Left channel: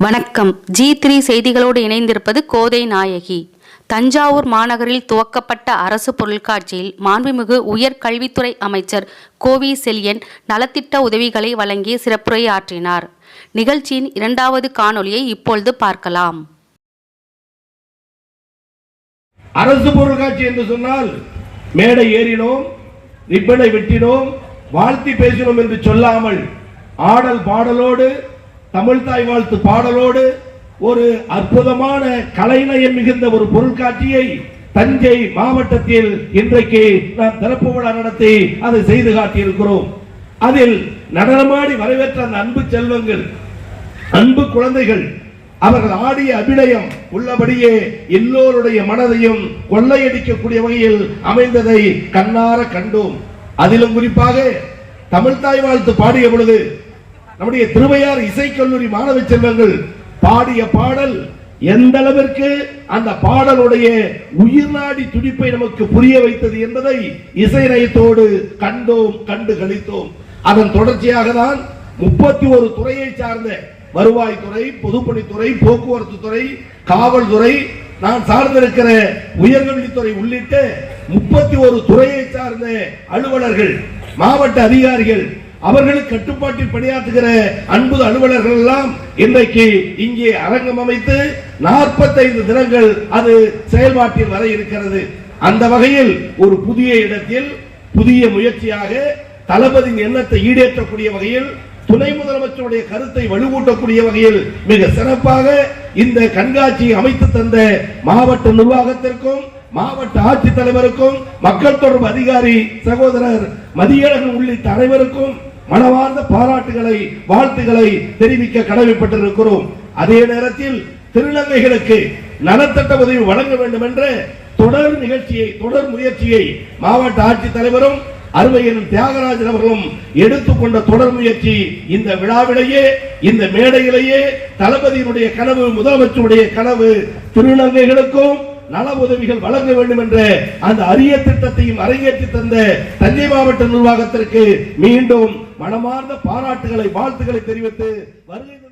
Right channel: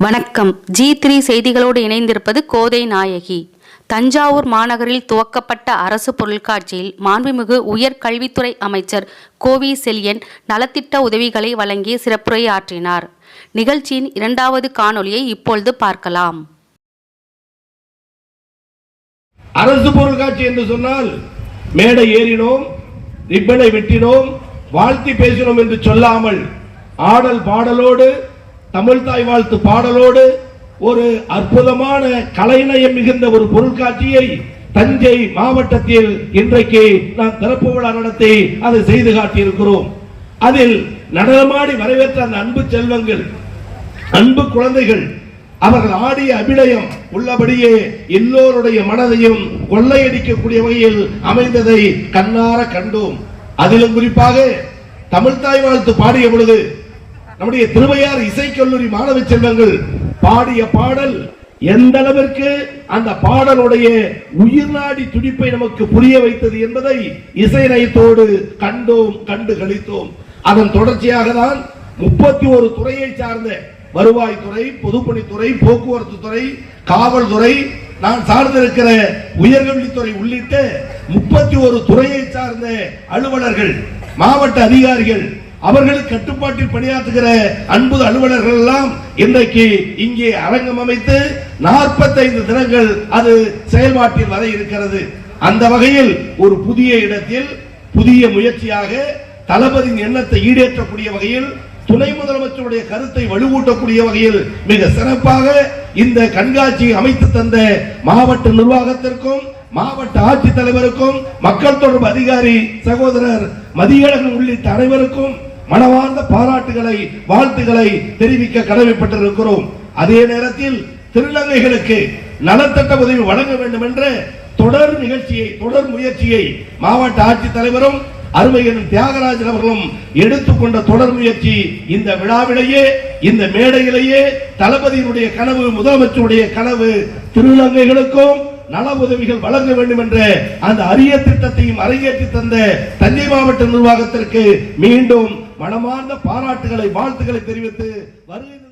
வணக்கம். G three செய்திகளோடு இணைந்திருப்பது கோதை நாயகி. தஞ்சாவூர் மாநகரில் துவக்கப்பட்ட அரசு பொருட்காட்சியில் மாண்புமிகு உயர்கல்வித்துறை அமைச்சர் கோவி செல்யன் நலத்திட்ட உதவிகளை வழங்கி சிறப்புரையாற்றினார். நிகழ்ச்சியின் இரண்டாவது காணொலியை இப்பொழுது பார்க்கலாம். அரசு பொருட்காட்சி என்று சொன்னால் மேடை ஏறினோம் ரிப்பனை வெட்டினோம் வாழ்த்தி பேசினோம் என்று சொல்லாமல் ஆடல் பாடலோடு தமிழ் தாய் வாழ்த்து பாடலோடு ஒரு அற்புதமான கலைநயம் மிகுந்த ஒரு பொருட்காட்சியை தஞ்சை மாவட்டத்தில் இன்றைக்கு நாம் திறப்பு விழா நடத்தி அதை செய்து காட்டியிருக்கிறோம். அதில் நடனமாடி வரவேற்ற அந்த அன்பு செல்வங்கள் அன்பு குழந்தைகள் அவர்கள் ஆடிய அபிநயம் உள்ளபடியே எல்லோருடைய மனதையும் கொள்ளையடிக்கக்கூடிய வகையில் அமைந்ததை கண்ணார கண்டோம். அதிலும் குறிப்பாக தமிழ்தாய் வாழ்த்து பாடிய பொழுது நம்முடைய திருவையார் இசைக்கல்லூரி மாணவ செல்வங்கள் பாடிய பாடல் எந்த அளவிற்கு அந்த பாடலுடைய உயிர்நாடி துடிப்பை நமக்கு புரிய வைத்தது என்பதை இசை நயத்தோடு கண்டோம் கண்டு கழித்தோம். அதன் தொடர்ச்சியாக தான் முப்பத்தி ஒரு துறையை சார்ந்த வருவாய்த்துறை பொதுப்பணித்துறை போக்குவரத்து துறை காவல்துறை நான் சார்ந்திருக்கிற உயர்கல்வித்துறை உள்ளிட்ட முப்பத்தி ஒரு துறையை சார்ந்த அலுவலர்கள் மாவட்ட அதிகாரிகள் அவர்களுக்கு கட்டுப்பாட்டில் பணியாற்றுகிற அன்பு அலுவலர்கள் எல்லாம் இன்றைக்கு இங்கே அரங்கம் அமைத்து நாற்பத்தைந்து தினங்கள் அது செயல்பாட்டில் வர இருக்கிறது. அந்த வகையில் ஒரு புதிய இடத்தில் புதிய முயற்சியாக தளபதியின் எண்ணத்தை ஈடேற்றக்கூடிய வகையில் துணை முதலமைச்சருடைய கருத்தை வலுவூட்டக்கூடிய வகையில் மிக சிறப்பாக இந்த கண்காட்சியை அமைத்து தந்த மாவட்ட நிர்வாகத்திற்கும் மாவட்ட ஆட்சித்தலைவருக்கும் மக்கள் தொடர்பு அதிகாரி சகோதரர் மதியழகன் உள்ளிட்ட அனைவருக்கும் மனவார்ந்த பாராட்டுகளை வாழ்த்துக்களை தெரிவிக்க கடமைப்பட்டிருக்கிறோம். அதே நேரத்தில் திருநங்கைகளுக்கு நலத்திட்ட உதவி வழங்க வேண்டும் என்ற தொடர் நிகழ்ச்சியை தொடர் முயற்சியை மாவட்ட ஆட்சித்தலைவரும் அருமையின் தியாகராஜன் அவர்களும் எடுத்துக்கொண்ட தொடர் முயற்சி இந்த விழாவிலேயே இந்த மேடையிலேயே தளபதியினுடைய கனவு முதலமைச்சருடைய கனவு திருநங்கைகளுக்கும் நல உதவிகள் வழங்க வேண்டும் என்ற அந்த அரிய திட்டத்தையும் அரங்கேற்றி தந்த தஞ்சை மாவட்ட நிர்வாகத்திற்கு மீண்டும் மனமார்ந்த பாராட்டுகளை வாழ்த்துக்களை தெரிவித்து வருகின்ற